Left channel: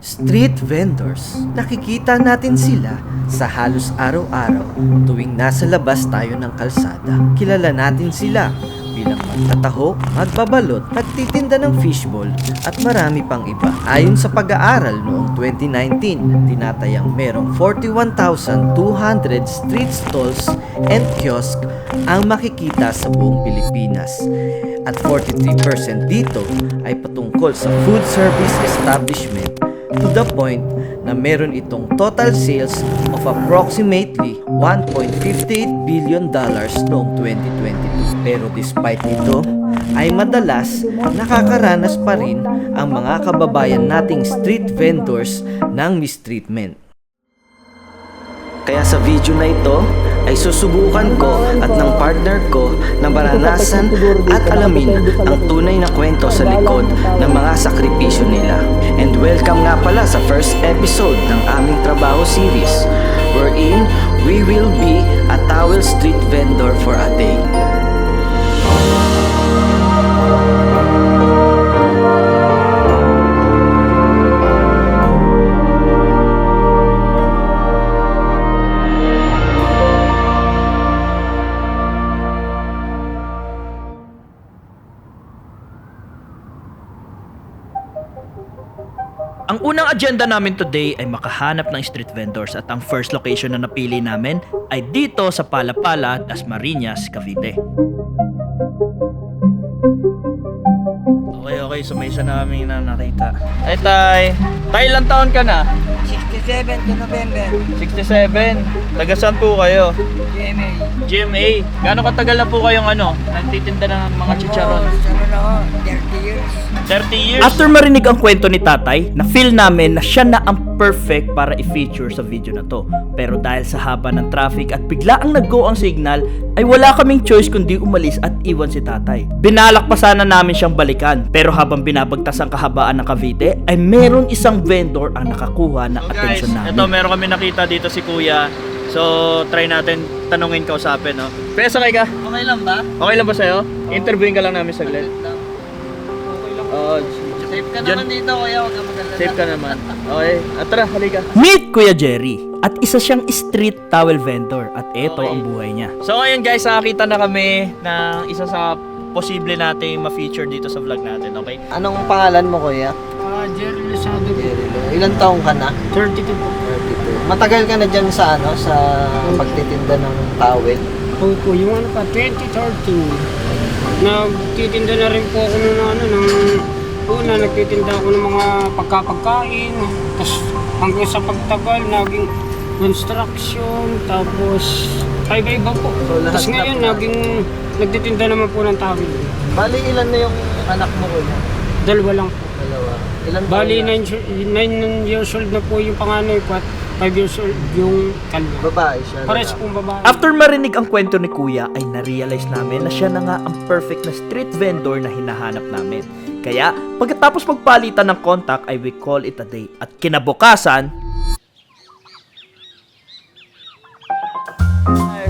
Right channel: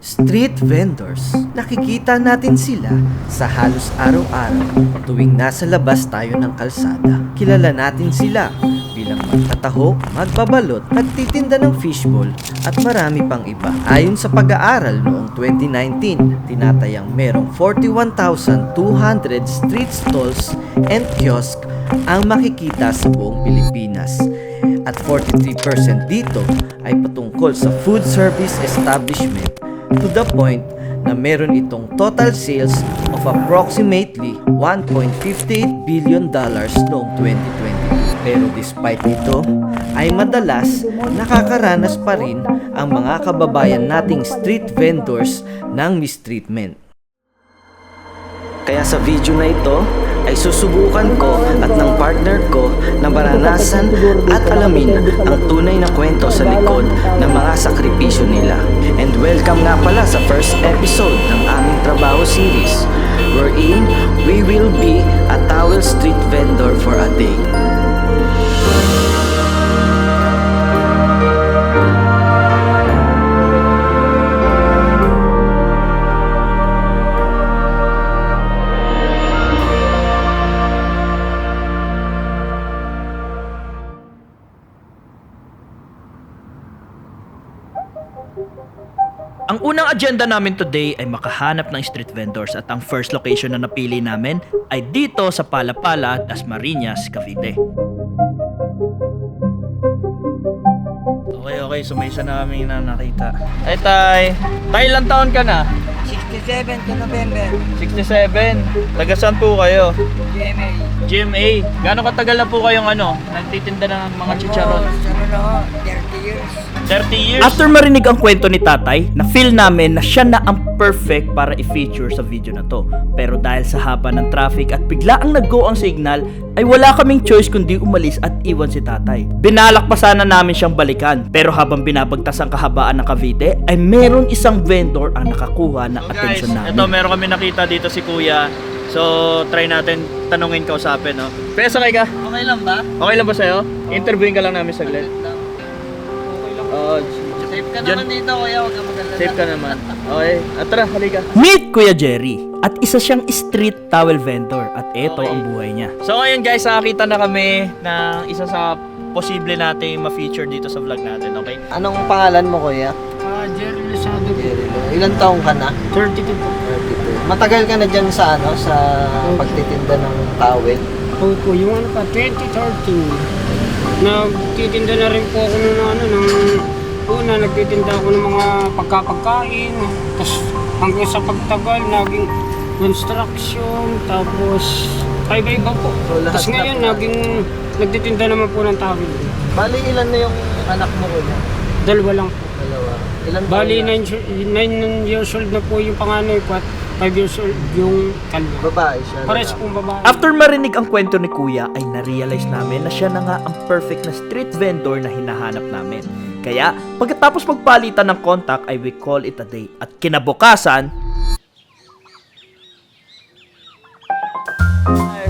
Street vendors. Nakikita natin sila sa halos araw-araw tuwing nasa labas tayo ng kalsada. Kilala natin sila bilang magtataho, magbabalot, nagtitinda ng fishball at marami pang iba. Ayon sa pag-aaral noong 2019, tinatayang merong 41,200 street stalls and kiosk ang makikita sa buong Pilipinas. At 43% dito ay patungkol sa food service establishment, to the point na meron itong total sales of approximately $1.58 billion noong 2022. Pero despite ito, ay madalas nakakaranas pa rin ang mga kababayan nating street vendors ng mistreatment. Kaya sa video na ito ay susubukan ko at ng partner ko na maranasan at alamin ang tunay na kwento sa likod ng mga sakripisyo nila. And welcome nga pala sa first episode ng aming trabaho series, wherein we will be a towel street vendor for a day. Ang unang agenda namin today ay makahanap ng street vendors at ang first location na napili namin ay dito sa Palapala, Dasmariñas, Cavite. Okay, so may isa namin na nakita. Ay, Tay! Tay, ilang taon ka na? 67 to November. 67. Taga saan po kayo? GMA. GMA. Gaano katagal na po kayong nagtitinda ng mga chicharon? Ano na ho, 30 years. 30 years? After marinig ang kwento ni tatay, na-feel namin na siya na ang perfect para i-feature sa video na to. Pero dahil sa haba ng traffic at bigla ang nag-go ang signal, ay wala kaming choice kundi umalis at iwan si tatay. Binalak pa sana namin siyang balikan, pero habang binabagtas ang kahabaan ng Cavite, ay meron isang vendor ang nakakuha ng atensyon namin. Ito, meron kami nakita dito si Kuya. So, try natin tanungin, kausapin, no? Pero sakay ka? Okay lang ba? Okay lang ba sa'yo? Interviewin ka lang namin saglit. Okay lang. Oo. Safe ka naman dito, kuya. Huwag ka mag-alala. Safe ka naman. Okay. At tara, halika. Meet Kuya Jerry. At isa siyang street towel vendor. At ito ang buhay niya. So ngayon guys, nakakita na kami ng isa sa posible nating ma-feature dito sa vlog natin, okay? Anong pangalan mo, kuya? Jerry Lozado. Ilang taong ka na? 32 po. 32. Matagal ka na dyan sa sa pagtitinda ng towel? Opo, yung pa, 2013. Nagtitinda na rin po ako una, nagtitinda ako ng mga pagkapagkain. Tapos hanggang sa pagtagal, naging construction, tapos iba-iba po. So, lahat Tapos na ngayon, po nagtitinda naman po ng tawil. Bali, ilan na yung anak mo, kuya? Dalawa lang po. Dalawa. Ilan Bali, taon na? 9 years old na po yung panganay ko at 5 years old yung kanya. Babae siya. Pares pong babae. After marinig ang kwento ni Kuya, ay na-realize namin na siya na nga ang perfect na street vendor na hinahanap namin. Kaya, pagkatapos magpalitan ng contact ay we call it a day. At kinabukasan,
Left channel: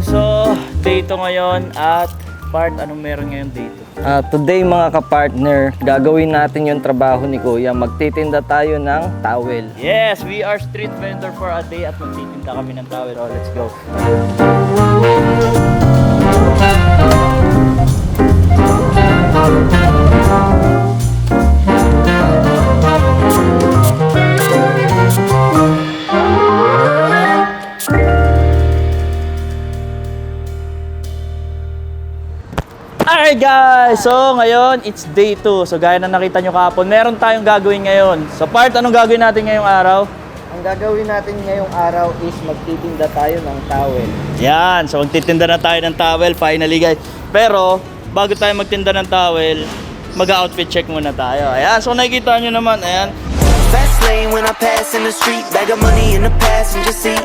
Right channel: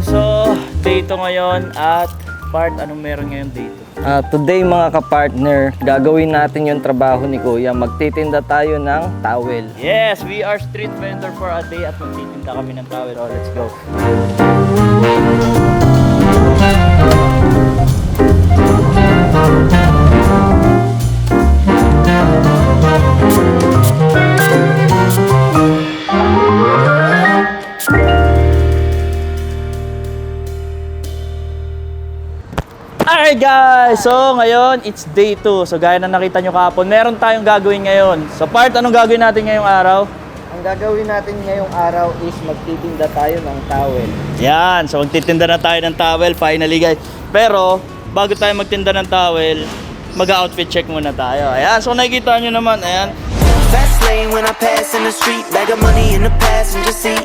so, dito ngayon at anong meron ngayon dito? Today mga kapartner, gagawin natin yung trabaho ni Kuya. Magtitinda tayo ng towel. Yes, we are street vendor for a day at magtitinda kami ng towel. Oh, let's go. Alright guys, so ngayon it's day 2. So gaya na nakita nyo kahapon, meron tayong gagawin ngayon. So anong gagawin natin ngayong araw? Ang gagawin natin ngayong araw is magtitinda tayo ng towel. Yan, so magtitinda na tayo ng towel finally guys. Pero bago tayo magtinda ng towel, mag-outfit check muna tayo. Ayan, so nakikita nyo naman, ayan. Fast lane when I pass in the street, bag of money in the passenger seat.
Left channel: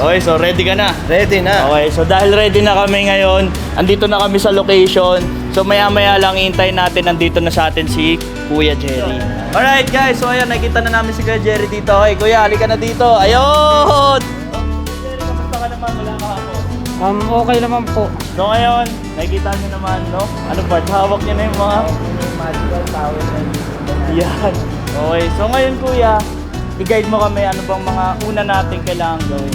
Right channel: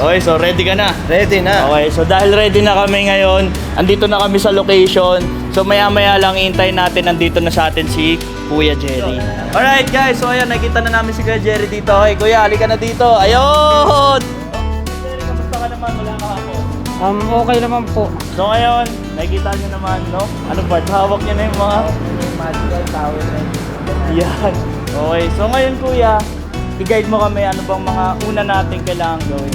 Okay, so ready ka na? Ready na. Okay, so dahil ready na kami ngayon, andito na kami sa location. So maya-maya lang iintayin natin, nandito na sa atin si Kuya Jerry. Alright guys, so ayan, nakita na namin si Kuya Jerry dito. Okay, Kuya, halika na dito. Ayun! Kuya Jerry, kamusta ka naman? Wala ka ako. Okay naman po. So ngayon, nakikita nyo naman, no? Ano ba? Hawak nyo na yung mga... Magical towel na Yan. Okay, so ngayon kuya, i-guide mo kami ano bang mga una natin kailangan gawin.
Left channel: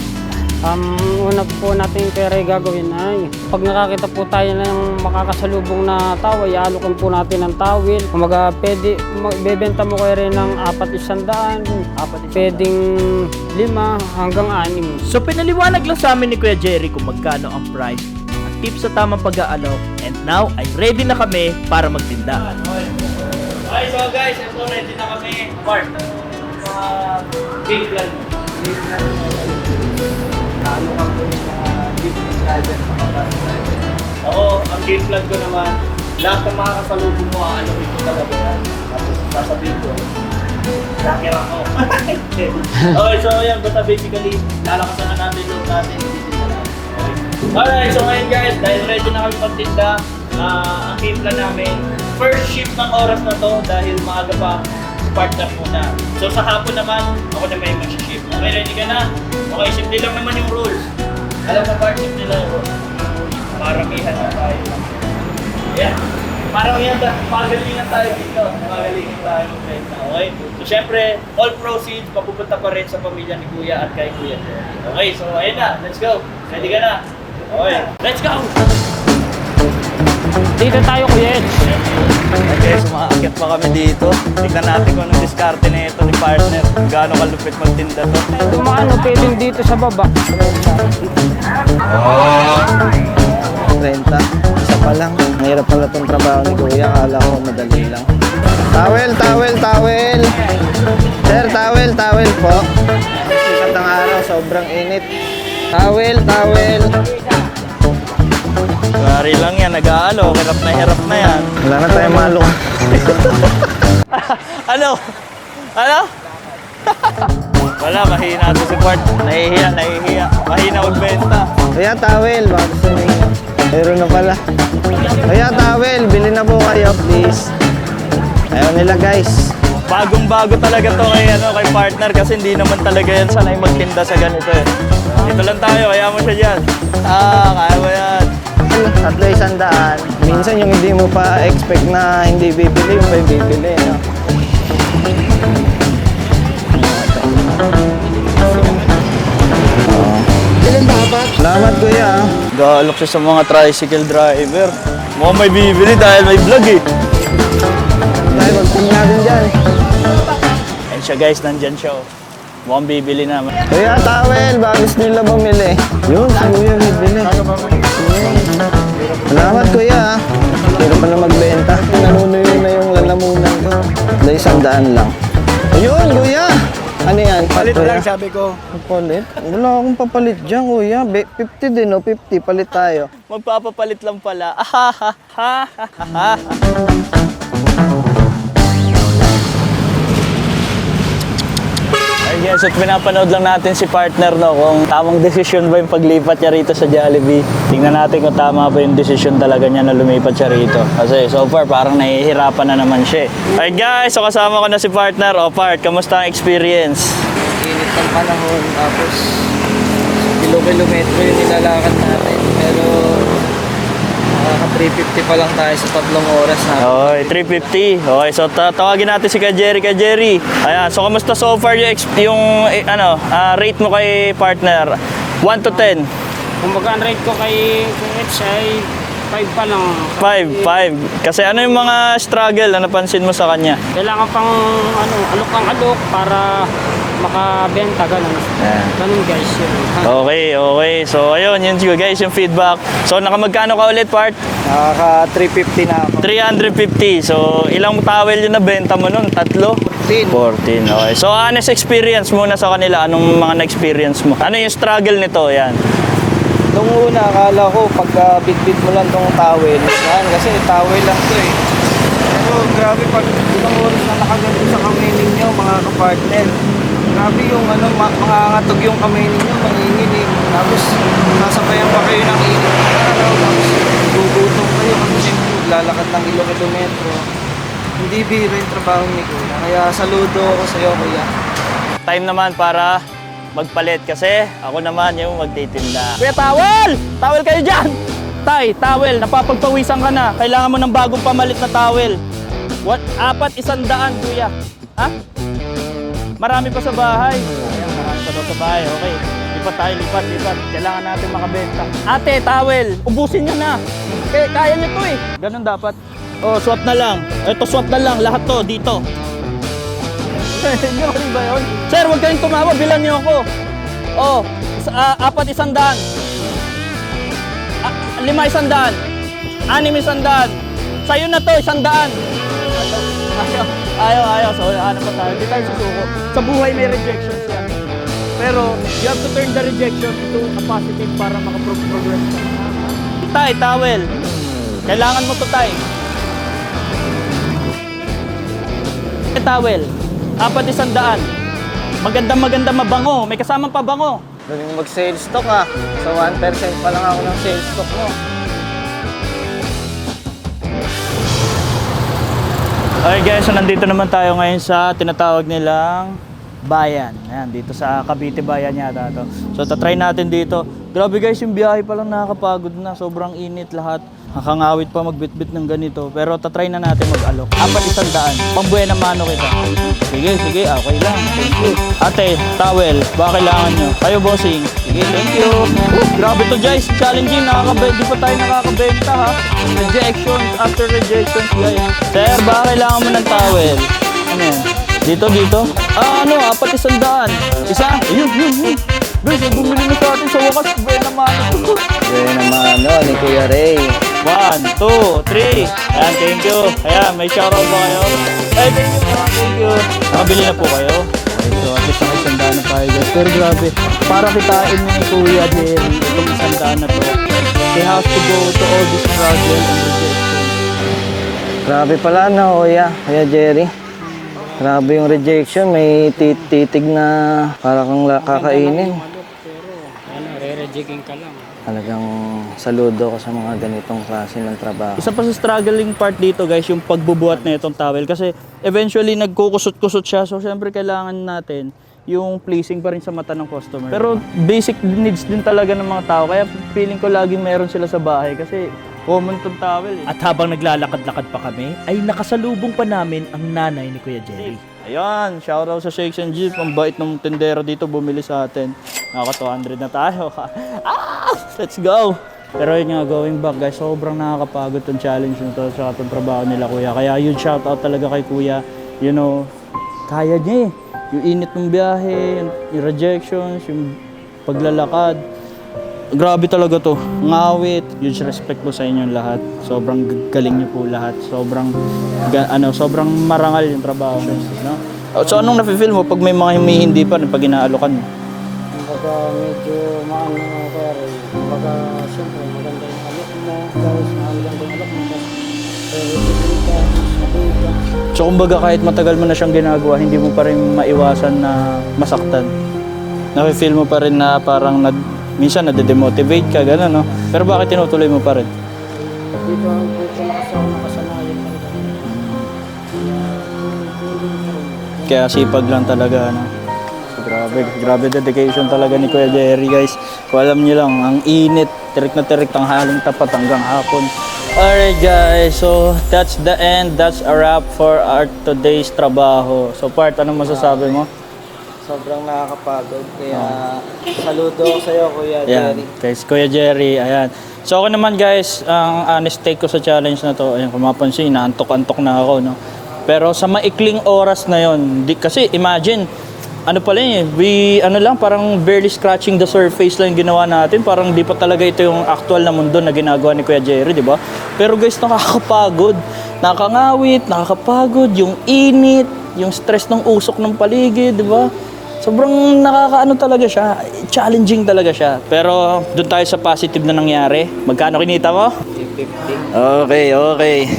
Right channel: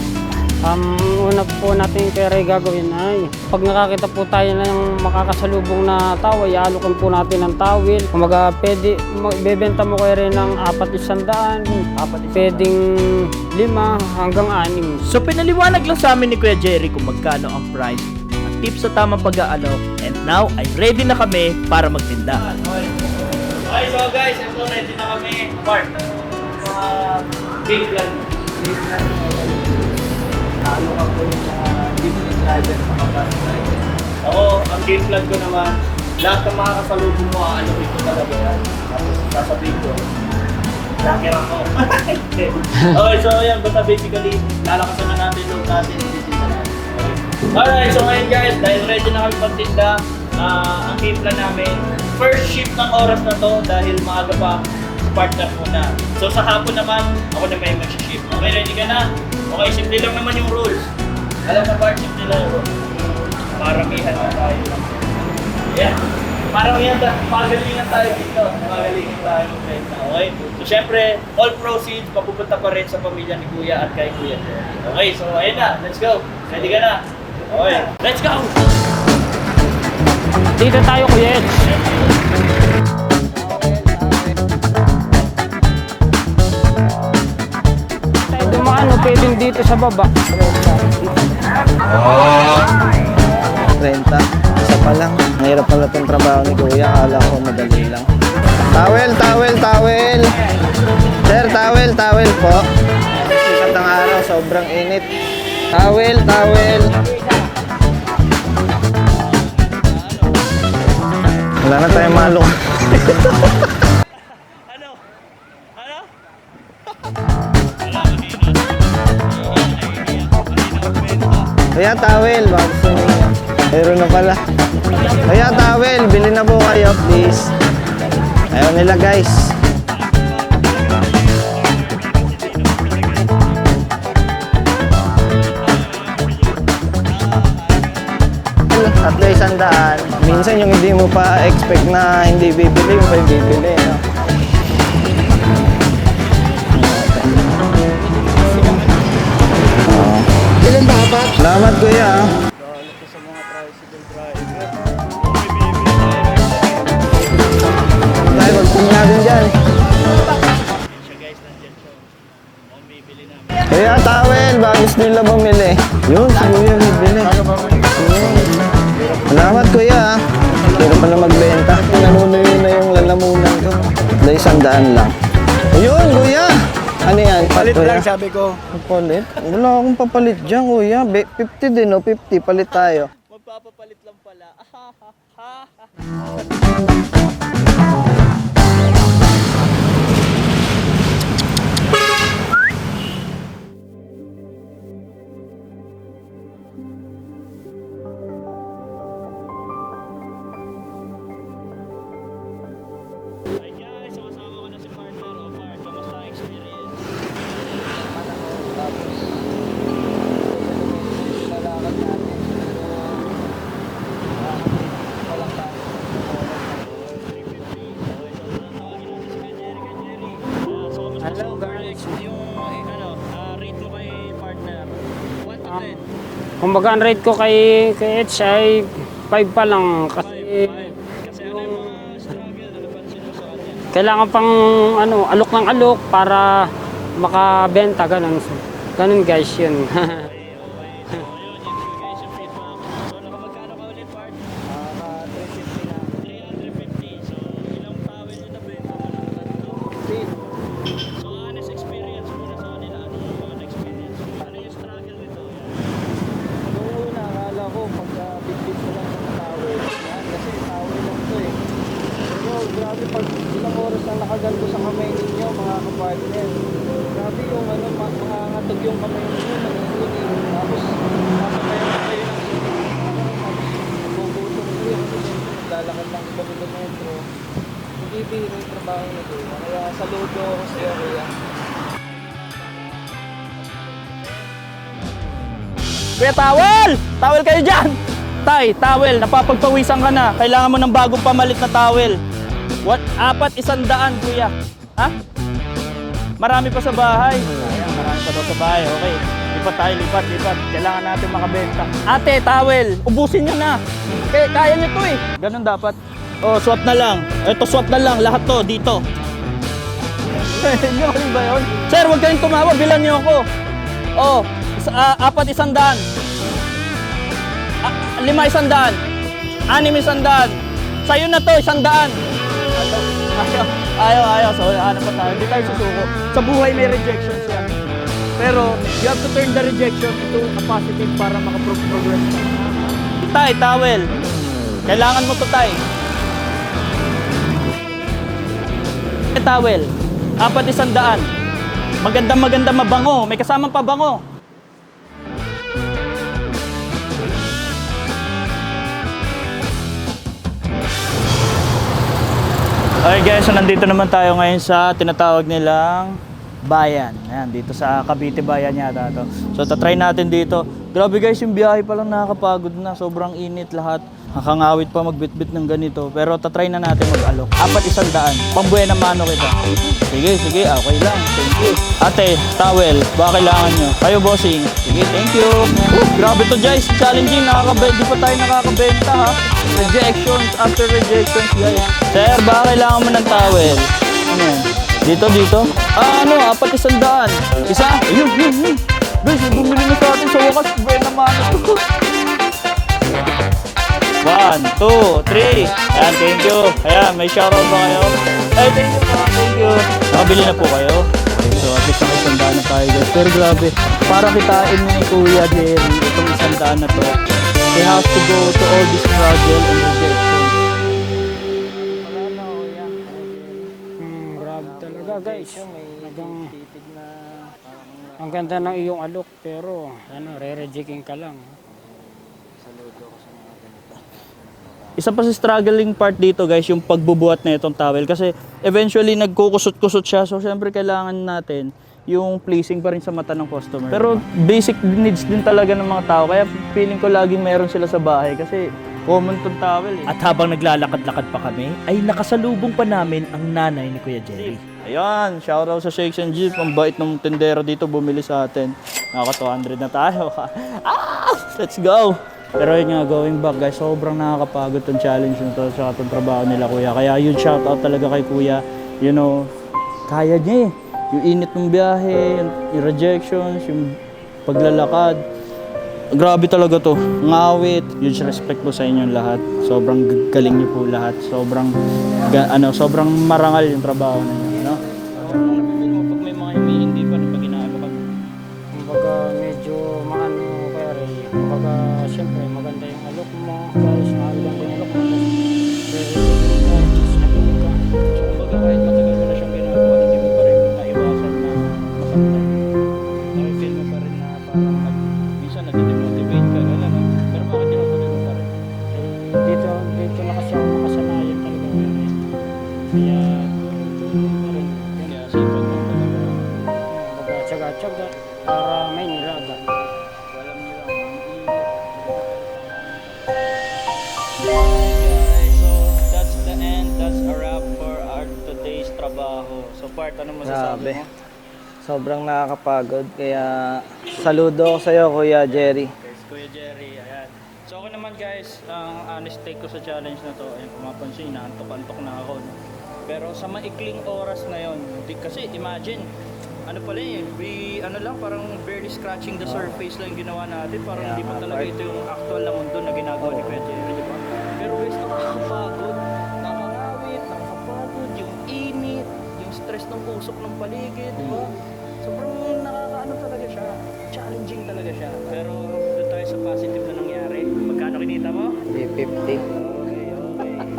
Una po natin kaya gagawin ay pag nakakita po tayo ng makakasalubong na tao, iaalokan po natin ng tawil. Kumaga pwede, bebenta mo kayo rin ng 400, pwedeng 5 hanggang 6. So pinaliwanag lang sa amin ni Kuya Jerry kung magkano ang price at tips sa tamang pag-aalok. And now ay ready na kami para magtinda. Okay, so guys, ito ready na kami. Part, big plan. Ano ka po yung mga business driver sa bus driver? Ako, ang game plan ko naman, lahat ng mga kasalubong mo, ano ito talaga yan. Tapos sasabihin ko, lakir ako. Okay, so yan, basta basically, lalakasan na natin loob natin, titinda natin. Okay. Alright, so ngayon guys, dahil ready na kami pagtinda, ang game plan namin, first shift ng oras na to, dahil maaga pa, partner muna. So sa hapon naman, ako na may mag-shift. Okay, ready ka na? Okay, simple lang naman yung rules. Alam na part, simple lang yung rules. Maramihan na tayo. Yeah. Maramihan tayo. Pagalingan tayo dito. Pagalingan tayo mag-renta. Okay? So syempre, all proceeds papupunta pa rin sa pamilya ni Kuya at kay Kuya. Okay, so ayun na. Let's go. Ready ka na? Okay. Let's go! Dito tayo Kuya Ed. Makakit pa kami dito. Tingnan natin kung anong diskarte na ito ni partner. Gaano kalupit magtinda to. Dumaan o pwedeng dito sa baba. 30. Isa pa lang. Mahirap pala itong trabaho ni Kuya. Akala ko madali lang. Towel, towel, towel. Sir, towel, towel po. Sikat ng araw, sobrang init. Towel, towel. Mari lang yan. Nag-aalo. Hirap na yan. Wala na tayong malok. Ano? Ano? Wala, mahina ito si Bart. Nahihiya. Mahina magbenta. Kuya, towel. Baka gusto niyo. Meron na pala. Kuya, towel. Bili na po kayo, please. Ayaw nila, guys. Bagong-bago talaga to kay partner kasi hindi naman talaga yan sanay magtinda sa ganito eh. Ito lang tayo, kaya mo siya dyan. Kaya mo yan. Tatlo 100. Minsan yung hindi mo pa expect na hindi bibili, yung may bibili. No? Salamat kuya. Gaalok siya sa mga tricycle driver. Mukhang may bibili dahil may vlog eh. Dahil magping natin dyan. Ayan siya guys, nandyan siya oh. Mukhang bibili na. Kuya, towel. Baka gusto nila bumili. Yun, si kuya bibili. Salamat kuya. Pero pala magbenta. Nanunuyo na yung lalamunan ko. Dahil 100 lang. Ayun, kuya. Ano yan? Palit Kuya? lang sabi ko. Palit? Wala akong papalit dyan, kuya. 50 din, no? 50. Palit tayo. Magpapapalit lang pala. Yes, at pinapanood lang natin si partner no, kung tamang desisyon ba yung paglipat niya rito sa Jollibee. Tingnan natin kung tama ba yung desisyon talaga niya na lumipat siya rito. Kasi so far parang nahihirapan na naman siya. Alright guys, so kasama ko na si partner. O part, kamusta ang experience? Init ng panahon, tapos kilo-kilometro yung nilalakad natin. Pero nakaka-350 pa lang tayo sa 3 oras na. Okay, 350. Okay, so tawagin natin si Jerry. Jerry, ayan, so kamusta so far yung rate mo kay partner? 1 to 10? Kumbaga ang rate ko kay Ed ay 5 pa lang. 5. Kasi ano yung mga struggle na napansin mo sa kanya? Kailangan pang alok ng alok para makabenta, ganun. Ganun guys yun. Okay. So ayun, yun guys, yung feedback. So nakamagkano ka ulit part? Nakaka 350 na ako. 350. So ilang towel yun na benta mo nun? 3? 14. Okay. So honest experience muna sa kanila. Anong mga na-experience mo? Ano yung struggle nito? Yan. Nung una, akala ko pagka bit-bit mo lang tong towel, yan, kasi towel lang to eh. Pero grabe pag ilang oras na nakaganto sa kamay ninyo, mga kapartner. Grabe yung mangangatog yung kamay ninyo, manginginig. Tapos sasabayan pa kayo ng init ng araw, tapos gugutom kayo kasi lalakad ng kilometro. Hindi biro yung trabaho ni Kuya. Kaya saludo ako sa iyo, Kuya. Time naman para magpalit kasi ako naman yung magtitinda. Kuya, towel! Towel kayo dyan! Tay, towel, napapagpawisan ka na. Kailangan mo ng bagong pamalit na towel. 4, 100, kuya. Ha? Marami pa sa bahay. Ayan, marami pa daw sa bahay. Okay. Lipat tayo, lipat. Kailangan natin makabenta. Ate, towel. Ubusin nyo na. Kaya nyo to eh. Ganun dapat. Oh, swap na lang. Ito, swap na lang. Lahat to, dito. Nyo ba yun? Sir, huwag kayong tumawa. Bilan nyo ako. Oh, 4 100. 5 100. 6 100. Sa'yo na to, 100. Ayaw. So, ano pa tayo? Hindi tayo susuko. Sa buhay may rejections yan. Pero, you have to turn the rejection into a positive para makaprogress ka. Tay, towel. Kailangan mo to, tay. Towel. 4 100. Maganda mabango. May kasamang pabango. Galing mag-sales stock ah. So 1% pa lang ako ng sales stock mo. Okay guys, so nandito naman tayo ngayon sa tinatawag nilang bayan. Ayan, dito sa Cavite Bayan yata to. So tatry natin dito. Grabe guys, yung biyahe pa lang nakakapagod na. Sobrang init lahat. Nakangawit pa magbitbit ng ganito. Pero tatry na natin mag-alok. 4 100. Pambuhay na mano kita. Sige, okay lang. Thank you. Ate, towel, baka kailangan nyo. Kayo bossing. Sige, thank you. Grabe to guys, challenging. Di pa tayo nakakabenta ha. Rejections after rejections guys. Sir, baka kailangan mo ng towel. Ano yan? Dito. 4 100. Isa? Ayun. Guys, bumili na sa atin sa wakas. Buhay na mano. Ni Kuya Ray. 1, 2, 3. Ayan, thank you. Ayan, may shoutout ba kayo? Ay, thank you po. Thank you. Nakabili na po kayo? Okay, so at least naka-100 na tayo guys. Pero grabe, para kitain ni Kuya Jerry itong 100 na to, he has to go to all this struggle and rejection. Grabe pala na, Kuya Jerry. Grabe yung rejection. May titig na para kang kakainin. Pero, re-rejecting ka lang. Talagang saludo ko sa mga ganitong klase ng trabaho. Isa pa sa struggling part dito guys, yung pagbubuhat na itong towel. Kasi eventually nagkukusot-kusot siya. So syempre kailangan natin yung pleasing pa rin sa mata ng customer. Pero basic needs din talaga ng mga tao. Kaya feeling ko laging meron sila sa bahay. Kasi common tong towel eh. At habang naglalakad-lakad pa kami, ay nakasalubong pa namin ang nanay ni Kuya Jerry. Ayan, shoutout sa Shakes and Jeep. Ang bait ng tendero dito bumili sa atin. Nakaka 200 na tayo. Let's go! Pero yun nga, going back guys, sobrang nakakapagod tong challenge nito sa itong trabaho nila kuya. Kaya yun, shoutout talaga kay kuya. You know, kaya niya eh. Yung init ng biyahe, yung rejections, yung paglalakad. Grabe talaga to. Ngawit. Huge respect po sa inyong lahat. Sobrang galing niyo po lahat. Sobrang marangal yung trabaho ninyo, no? So anong nafe-feel mo pag may mga hindi pa pag inaalokan mo? Baka medyo maano ko rin. Baka siyempre maganda yung anak mo. Dahil sa alam yung anak mo. So kumbaga kahit matagal mo na siyang ginagawa, hindi mo pa rin maiwasan na masaktan. Nafe-feel mo pa rin na parang minsan nade-demotivate ka, gano'n, no? Pero bakit tinutuloy mo pa rin? Dito ang nakasanayan talaga. Kaya sipag lang talaga, no? So, grabe dedication talaga ni Kuya Jerry, guys. Kung alam niyo lang, ang init, tirik na tirik, tanghaling tapat hanggang hapon. Alright guys, so that's the end. That's a wrap for our today's trabaho. So Part, anong masasabi mo? Sobrang nakakapagod. Kaya saludo ko sa'yo, Kuya Jerry. Kay Kuya Jerry, ayan. So ako naman guys, ang honest take ko sa challenge na to, ayan, kung mapansin, naantok-antok na ako, no? Pero sa maikling oras na yon, kasi imagine, ano pala parang barely scratching the surface lang yung ginawa natin. Parang di pa talaga ito yung actual na mundo na ginagawa ni Kuya Jerry, di ba? Pero guys, nakakapagod. Nakakangawit, nakakapagod, yung init, yung stress ng usok ng paligid, di ba? Sobrang nakakaano talaga siya, challenging talaga siya. Pero doon tayo sa positive na nangyari. Magkano kinita mo? 50. Okay.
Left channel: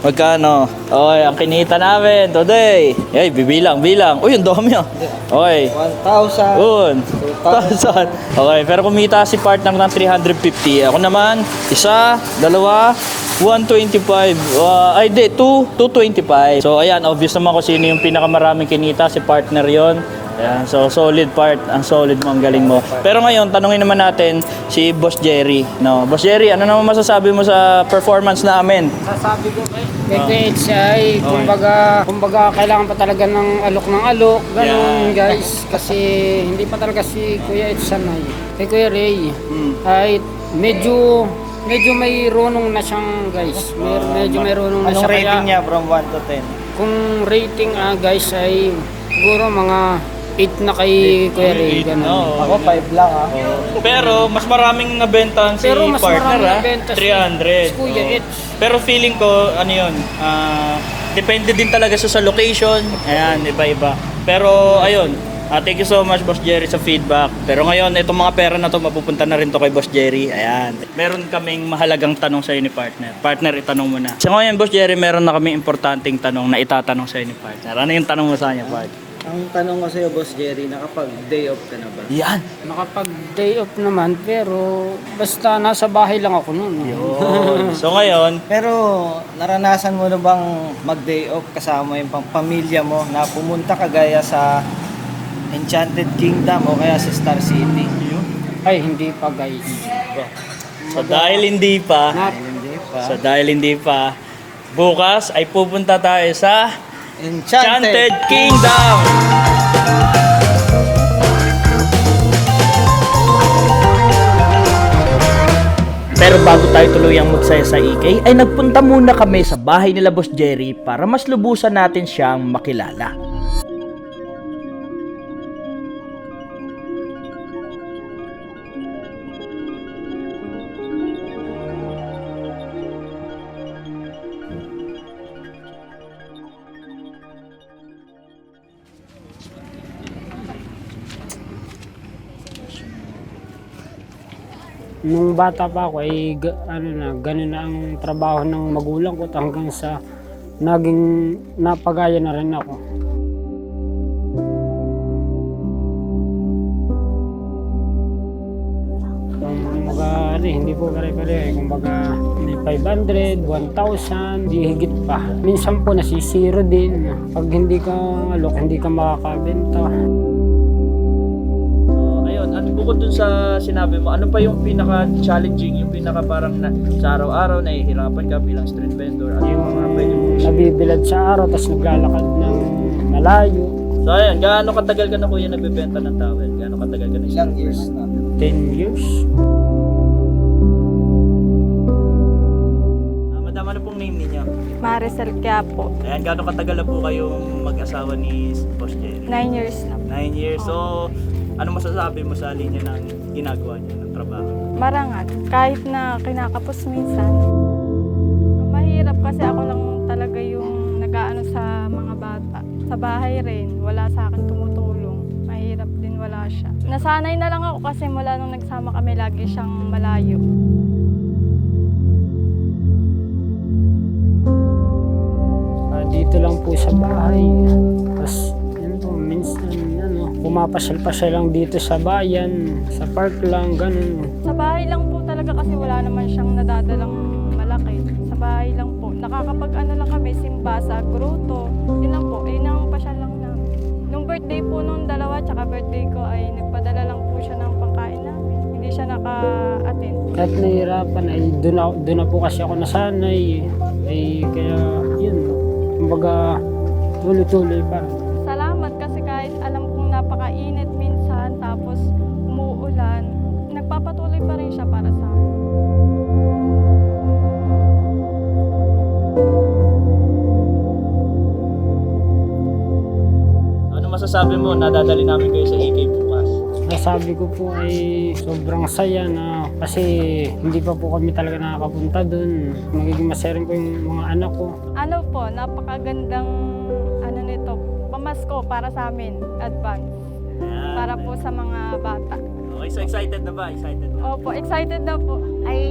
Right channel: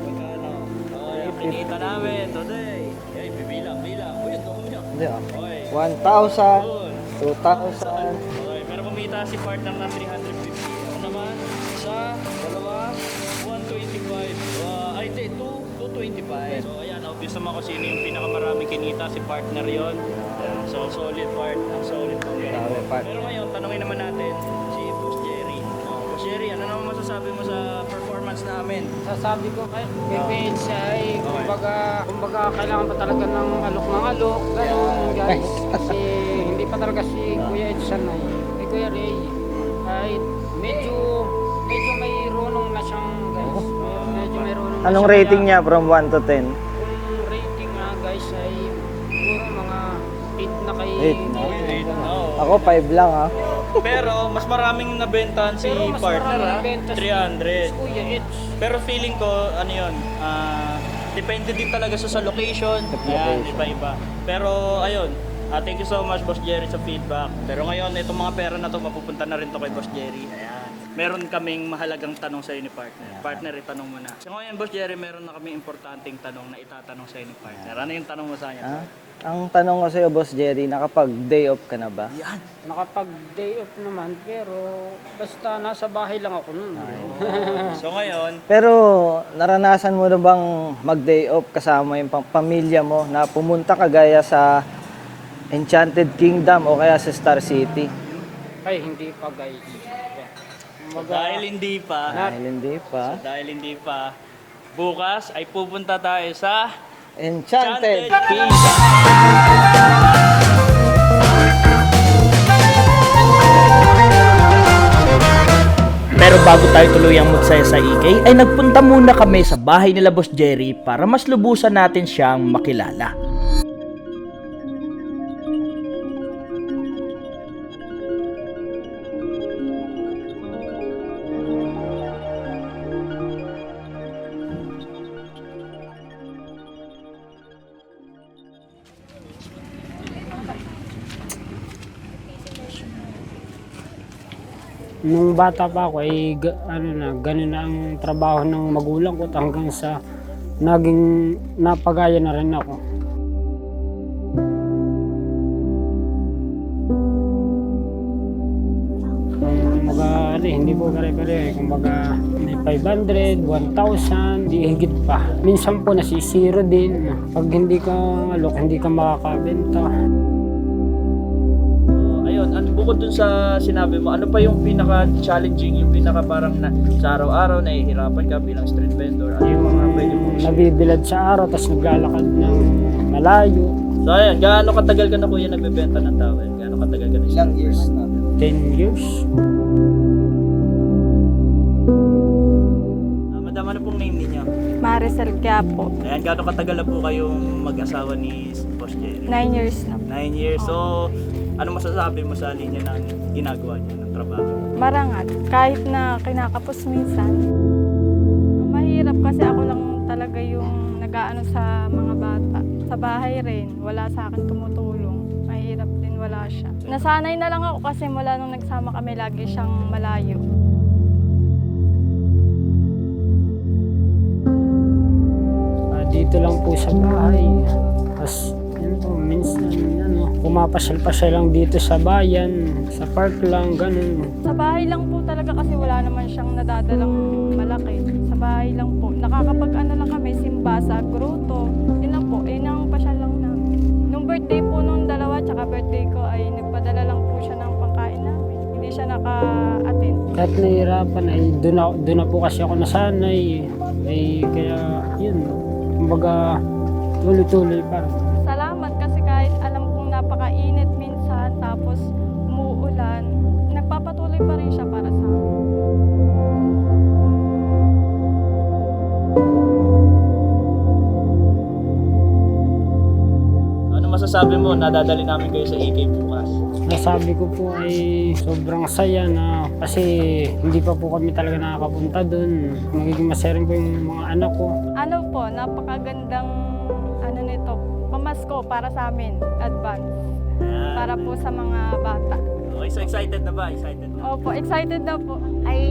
Magkano? Okay, ang kinita namin today. Hey, bilang. Uy, ang dami ah. Okay. 1,000. Yun. 1,000. Okay, pero kumita si partner ng 350. Ako naman, isa, dalawa, 125. 225. So ayan, obvious naman kung sino yung pinakamaraming kinita, si partner yon. Ayan, so solid Part, ang solid mo, ang galing mo. Pero ngayon, tanungin naman natin si Boss Jerry. No, Boss Jerry, ano naman masasabi mo sa performance namin? Sasabi ko kayo, Kay Kuya Eds ay, kumbaga kailangan pa talaga ng alok, ganun guys. Kasi hindi pa talaga si Kuya Eds sanay. Kay Kuya Ray, ay medyo may runong na siyang guys. Medyo may runong na siya. Anong rating Kaya, niya from 1 to 10? kung rating guys ay siguro mga 8 na kay Kuya Ray. Ganun. Ako 5 lang ha. Pero mas maraming nabentahan si Pero mas partner marami ha. nabenta si 300. Kuya Eds. Pero feeling ko, ano yun, depende din talaga sa location. Ayan, iba-iba. Pero ayun, thank you so much Boss Jerry sa feedback. Pero ngayon, itong mga pera na to mapupunta na rin to kay Boss Jerry. Ayan. Meron kaming mahalagang tanong sa ni partner. Partner, itanong mo na. So ngayon, Boss Jerry, meron na kaming importanteng tanong na itatanong sa ni partner. Ano yung tanong mo sa kanya, partner? Ang tanong ko sa'yo, Boss Jerry, nakapag-day off ka na ba? Yan. Nakapag-day off naman, pero basta nasa bahay lang ako noon. So ngayon, Pero naranasan mo na bang mag-day off kasama yung pamilya mo na pumunta ka gaya sa Enchanted Kingdom o kaya sa Star City? Ay, hindi pa guys. so dahil hindi pa, bukas ay pupunta tayo sa Enchanted Kingdom! Pero bago tayo tuluyang magsaya sa EK, ay nagpunta muna kami sa bahay nila Boss Jerry para mas lubusan natin siyang makilala. Nung bata pa ako ay ganun na ang trabaho ng magulang ko hanggang sa naging napagaya na rin ako. Kumbaga, hindi po pare-pare. Kumbaga, may 500, 1,000, di higit pa. Minsan po nasisiro din. Pag hindi ka hindi ka makakabenta. Ayun, bukod dun sa sinabi mo, ano pa yung pinaka-challenging, yung pinaka parang sa araw-araw nahihirapan ka bilang street vendor? Ano Yung mga pwede mong share? nabibilad sa araw, tapos naglalakad ng malayo. So ayun, gaano katagal ka na kuya nagbebenta ng towel? Gaano katagal ka na Ilang years na? 10 years. Madam, ano pong name ninyo? Maricel Quiapo. Ayan, gaano katagal na po kayong mag-asawa ni Boss Jerry? 9 years na. 9 years. So, ano masasabi mo sa linya ng ginagawa niya ng trabaho? Marangat. Kahit na kinakapos minsan. Mahirap kasi ako lang talaga yung nag-aano sa mga bata. Sa bahay rin, wala sa akin tumutulong. Mahirap din, wala siya. Nasanay na lang ako kasi mula nung nagsama kami, lagi siyang malayo. Dito lang po sa bahay. Tapos, yun po, minsan, pumapasyal-pasyal lang dito sa bayan, sa park lang, ganun. Sa bahay lang po talaga kasi wala naman siyang nadadalang malaki. Sa bahay lang po. Nakakapag-ano lang kami, simba sa grotto. Yun lang po, yun ang pasyal lang namin. Nung birthday po nung dalawa, tsaka birthday ko, ay nagpadala lang po siya ng pangkain namin. Hindi siya naka-attend. Kahit nahihirapan, ay doon na po kasi ako nasanay. Ay, kaya, yun, kumbaga, tuloy-tuloy pa rin. Salamat kasi kahit alam kong napakainit minsan, tapos umuulan, nagpapatuloy pa rin siya para sa amin. Ano masasabi mo? Nadadali namin kayo sa EK bukas. Nasabi ko po ay sobrang saya na kasi hindi pa po kami talaga nakakapunta doon. Magiging masaya rin po yung mga anak ko. Ano po, napakagandang nito, pamasko para sa amin, advance. Para po sa mga bata. Okay, so excited na ba? Excited na? Opo, excited na po. Ay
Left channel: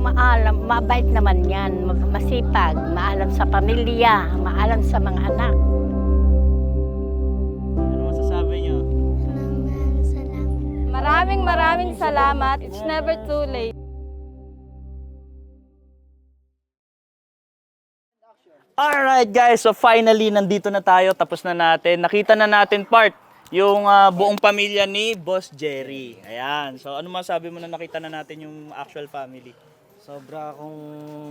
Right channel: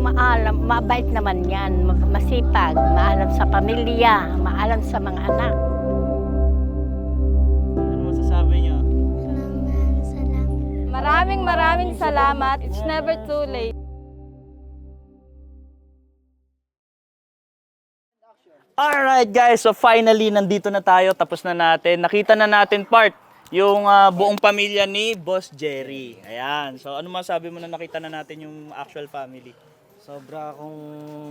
maalam, mabait naman yan, masipag, maalam sa pamilya, maalam sa mga anak. Ano masasabi niyo? Maraming salamat. It's never too late. Alright guys, so finally nandito na tayo, tapos na natin. Nakita na natin yung buong pamilya ni Boss Jerry. Ayan, so ano masabi mo na nakita na natin yung actual family? So Sobra akong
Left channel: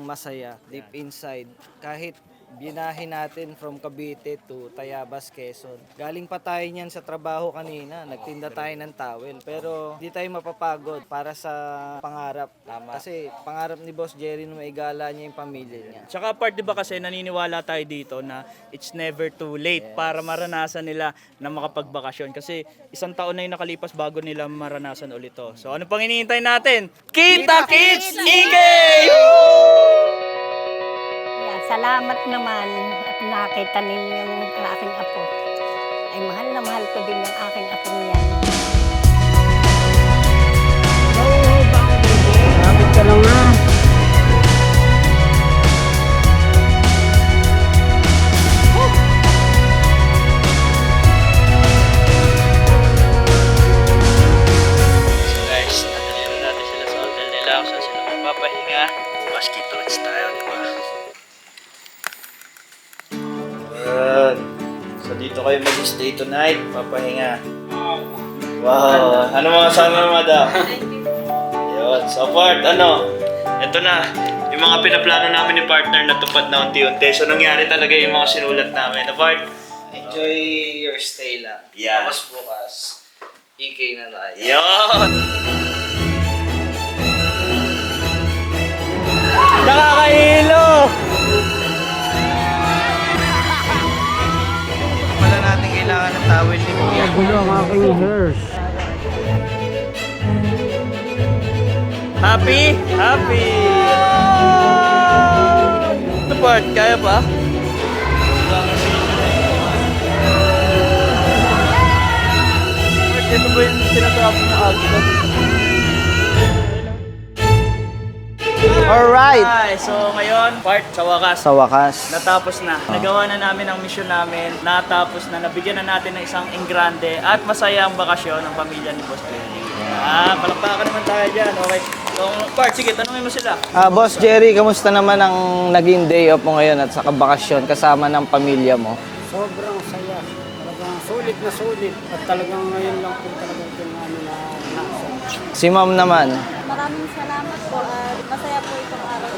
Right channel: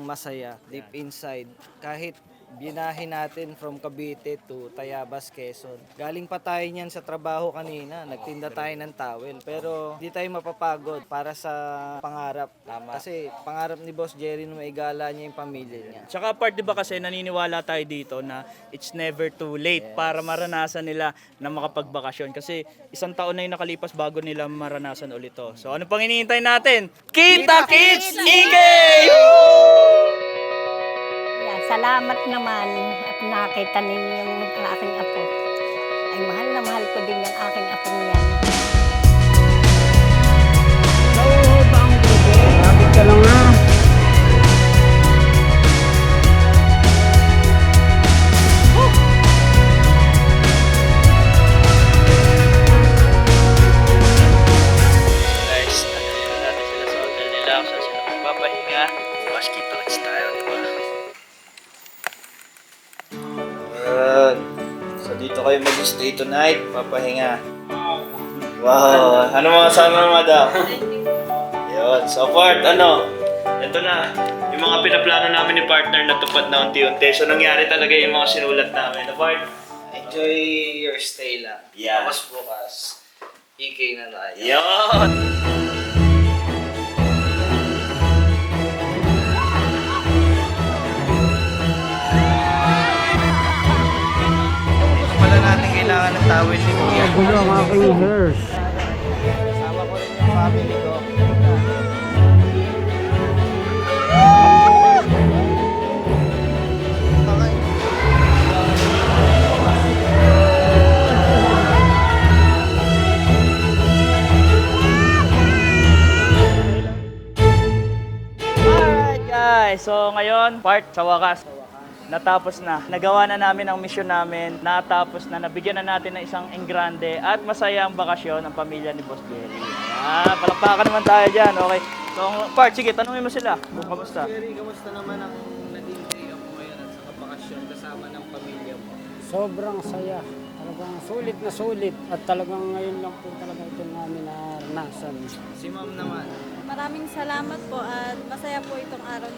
masaya deep inside. Kahit binahin natin from Cavite to Tayabas, Quezon. Galing pa tayo niyan sa trabaho kanina. Nagtinda tayo ng towel. Pero di tayo mapapagod para sa pangarap. Kasi pangarap ni Boss Jerry na maigala niya yung pamilya niya. Tsaka part, di ba kasi naniniwala tayo dito na it's never too late para maranasan nila na makapagbakasyon. Kasi isang taon na yung nakalipas bago nila maranasan ulit to. So ano pang hinihintay natin? Kita Kids Igay! Yan, salamat naman at nakita ninyo yung aking apo. Ay mahal na mahal ko din yung aking apong yan. Bang bebe. Lapit ka lang ha. So guys, nandito natin sila sa hotel nila kung saan sila magpapahinga. Bukas kita-kits tayo, di ba? Ayan. So dito kayo mag-stay tonight, papahinga. Wow, ano mga sama madam? Yun, so part, ito na, yung mga pinaplano namin ni partner natupad na unti-unti. So nangyari talaga yung mga sinulat namin. Na part, enjoy your stay lang. Yeah. Tapos bukas, EK na tayo. Yun! Nakakahilo! Pala natin kailangan ng towel ni Kuya. Gulo ang aking hairs. Happy? Happy! Ito part, kaya ba? Ito ba yung tinatawag na Alright! Ay, so ngayon, part sa wakas. Sa wakas. Natapos na. Nagawa na namin ang mission namin. Natapos na. Nabigyan na natin ng isang engrande at masaya ang bakasyon ng pamilya ni Boss Jerry. Palakpakan naman tayo dyan. Okay. So, part, sige, tanungin mo sila. Boss Jerry, kamusta naman ang naging day off mo ngayon at saka bakasyon kasama ng pamilya mo? Sobrang saya. Talagang sulit na sulit. At talagang ngayon lang po talagang pinano na nasa. Si ma'am naman. Maraming salamat po at masaya po itong araw.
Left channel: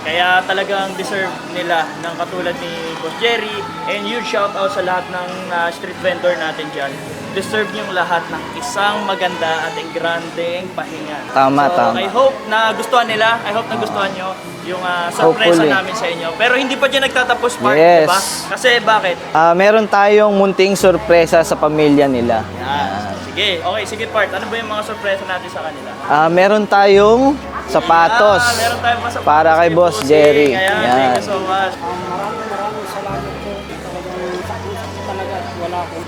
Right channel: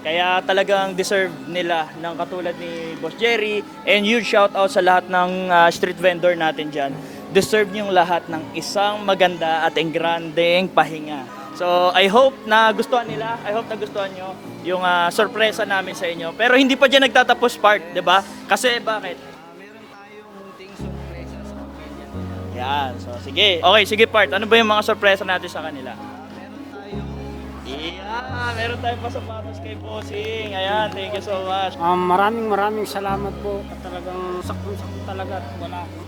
Kaya talagang deserve nila ng katulad ni Boss Jerry. And huge shout out sa lahat ng street vendor natin dyan. Deserve yung lahat ng isang maganda at engrandeng pahinga. Tama, so, tama. I hope na gustuhan nila. I hope na gustuhan nyo yung sorpresa Hopefully. namin sa inyo. Pero hindi pa dyan nagtatapos part, Yes. di ba? Kasi bakit? Meron tayong munting sorpresa sa pamilya nila. Yan. Sige. Okay, sige part. Ano ba yung mga sorpresa natin sa kanila? Meron tayong sapatos Meron tayong mga sapatos para kay Boss Jerry. Ayan, Yan. thank you so much. Maraming salamat po. Talagang sakit talaga at wala po.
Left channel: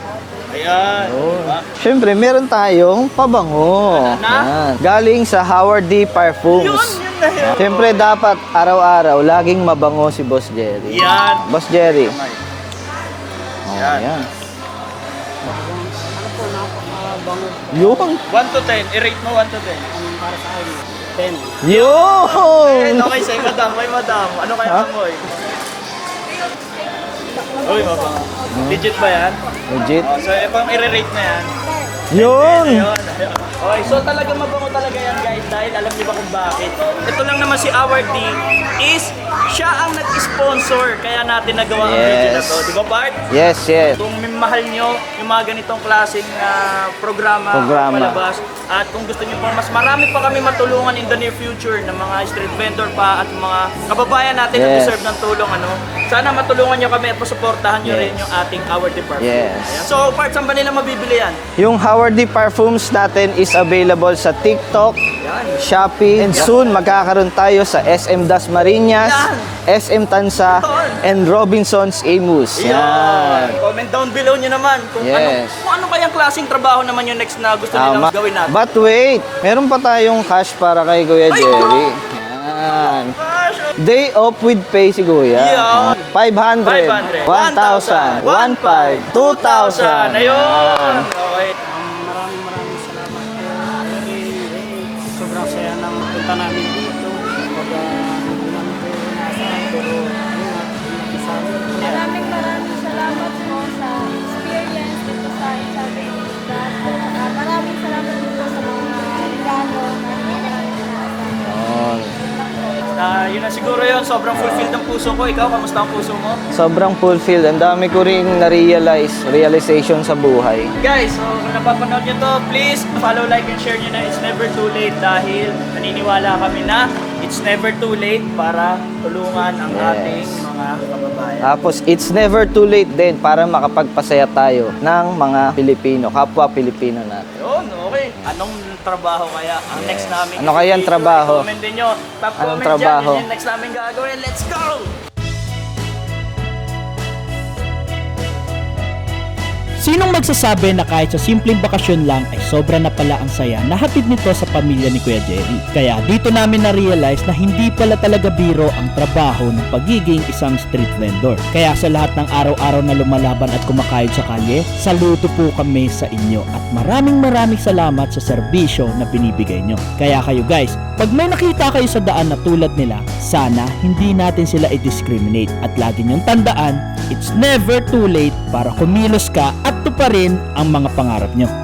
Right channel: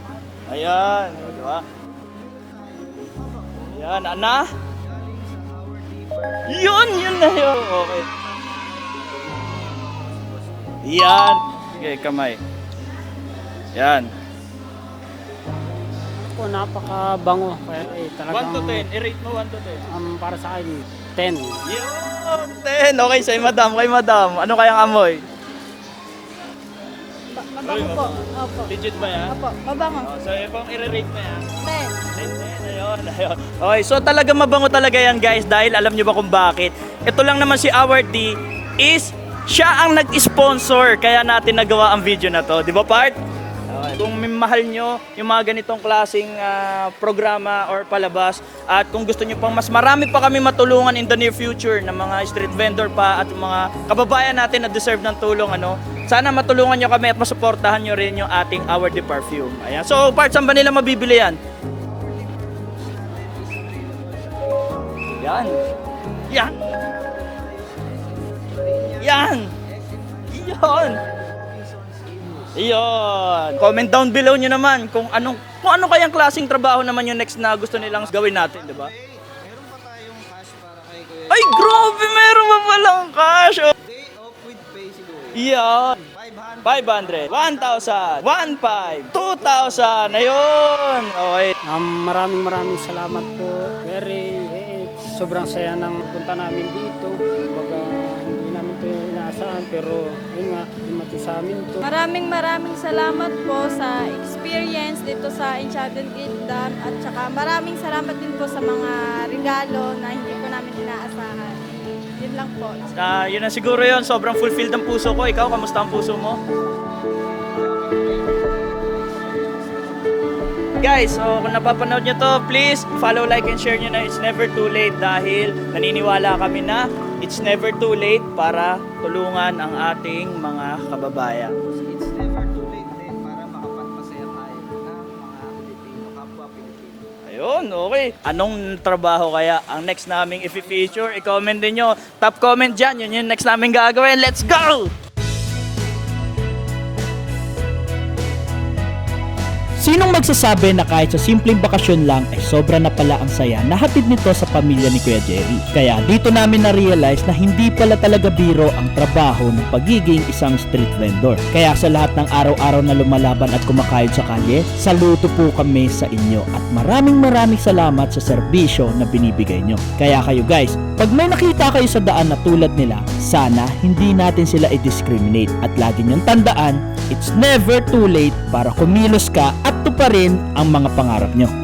Ayan. Diba? Siyempre, meron tayong pabango. Na? Yan. Galing sa Howard D. Parfums. Yun na yun. Siyempre, dapat araw-araw laging mabango si Boss Jerry. Yan. Boss Jerry. Kamay. Oh, Yan. yan. Ano po, napakabango. Yun. 1 to 10. I-rate mo 1 to 10. Para sa akin, 10. Yun! Okay, sa'yo madam. Kay madam. Ano kaya amoy? Uy, mama. Legit ba yan? Legit. Oh, so, pang i-rate na yan. Yun! Ayun. Okay, so talaga mabango talaga yan guys dahil alam niyo ba kung bakit? Ito lang naman si Howard D is siya ang nag-sponsor kaya natin nagawa ang Yes. video na to. Di ba Bart? Yes, yes. Kung mahal nyo yung mga ganitong klaseng programa, palabas, at kung gusto nyo pang mas marami pa kami matulungan in the near future ng mga street vendor pa at mga kababayan natin na Yes. deserve ng tulong, sana matulungan nyo kami at pasuportahan nyo rin yung ating Howard D Parfum. Yes. Ayan. So, Bart, saan ba nila mabibili yan? Yung Howard D. Parfums natin is available sa TikTok, Shopee, and soon magkakaroon tayo sa SM Dasmariñas, Yan. SM Tansa, and Robinsons Amos. Yan. Comment down below nyo naman kung Yes. ano kayang klaseng trabaho naman yung next na gusto nilang Tama. gawin natin. But wait, meron pa tayong cash para kay Kuya Ay, Jerry. grabe! Meron pa palang Yan. cash! Day off with pay si Kuya. Yan. 500, 1,000, 1,500, 2,000. Ayun! Okay. Maraming salamat po. Very, sobrang saya ng punta namin dito. Kumbaga, marami po inaasahan, pero ayun, Maraming salamat po sa experience dito sa Enchanted Kingdom at saka maraming salamat din po sa mga regalo na hindi ko namin inaasahan. yun na siguro yun. Sobrang fulfilled ang puso ko. Ikaw, kamusta ang puso mo? Sobrang fulfilled. Ang dami ko rin realization sa buhay. Guys, so kung napapanood nyo to, please follow, like, and share nyo na It's Never Too Late dahil naniniwala kami na it's never too late para tulungan ang ating mga kababayan. Tapos, it's never too late din para makapagpasaya tayo ng mga Pilipino, kapwa Pilipino natin. Yun, okay. Anong trabaho kaya ang next namin Ano kaya ang trabaho? I-comment din nyo. Top Anong comment dyan. trabaho? Yun yung next namin gagawin. Let's go! Sinong magsasabi na kahit sa simpleng bakasyon lang ay sobra na pala ang saya na hatid nito sa pamilya ni Kuya Jerry? Kaya dito namin na-realize na hindi pala talaga biro ang trabaho ng pagiging isang street vendor. Kaya sa lahat ng araw-araw na lumalaban at kumakayod sa kalye, saludo po kami sa inyo at maraming salamat sa serbisyo na binibigay nyo. Kaya kayo guys, pag may nakita kayo sa daan na tulad nila, sana hindi natin sila i-discriminate at lagi nyong tandaan, it's never too late para kumilos ka at tuparin ang mga pangarap nyo.